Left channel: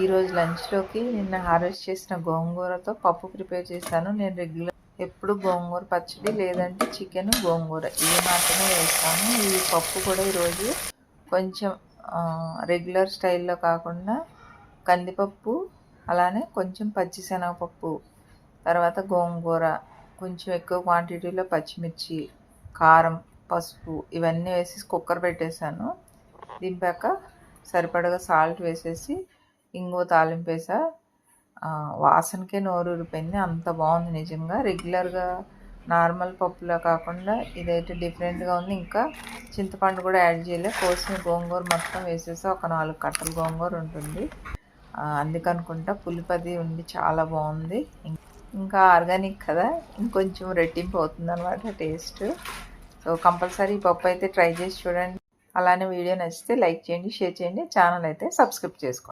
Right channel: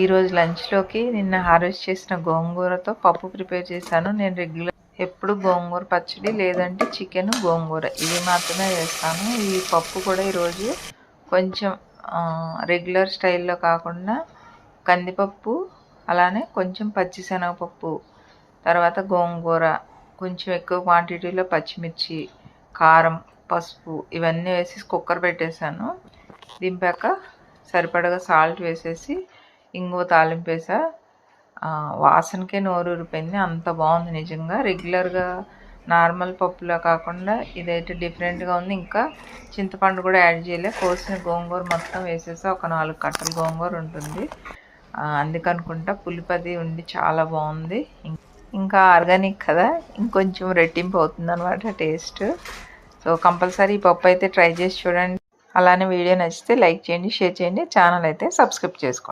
ఈరోజు లంచ్లోకి నిన్న హార్వెస్ట్ చేసిన గోంగూరతో పప్పు ప్రిపేర్ చేశాను. నేను రెగ్యులర్ ఎప్పుడు గోంగూర పచ్చడి లేదంటే చికెన్ గోంగూర ఇవి మాత్రమే వేస్తాను. ఈ పప్పు కూడా ఈరోజు కొంచెం రెగ్యులర్ స్టైల్లో కాకుండా కందిపప్పు, అలానే కొంచెం పచ్చిశనగపప్పు, తర్వాత గోంగూర, కొంచెం ఎక్కువ క్వాంటిటీలో పచ్చిమిర్చి, కారం, పసుపు ఇవన్నీ వేసి కుక్కర్ పెట్టేశాను. దింపాక సరిపడగా సాల్ట్ వేసేసి ఇంగువ తాలింపు వేసా. వాసనకే నోరు ఊరిపోయింది, అంత బాగుంది నిజంగా. రెగ్యులర్గా నార్మల్ పప్పులా కాకుండా ఇదైతే డిఫరెంట్గా ఉంది. ఇంకా చింతపండు కూడా యాడ్ చేయలే, కోసిన గోంగూర మొత్తం వేసేసా. ఒక 4 కట్టలు గోంగూర ఉంటుంది, అందుకనుకుంటా పులిపది ఉండి చాలా బాగుంది. ఇంకా ఆర్గానిక్ కదా, ఇంకొంచెం రెట్టింపు అవుతుంది అనమాట టేస్ట్. సో కంపల్సరీ ఈ పప్పు అయితే ట్రై చేసి చూడండి. అలానే వీడియో నచ్చితే లైక్ చేయండి, షేర్ చేయండి, ఛానల్ అయితే సబ్స్క్రైబ్ చేసుకోండి.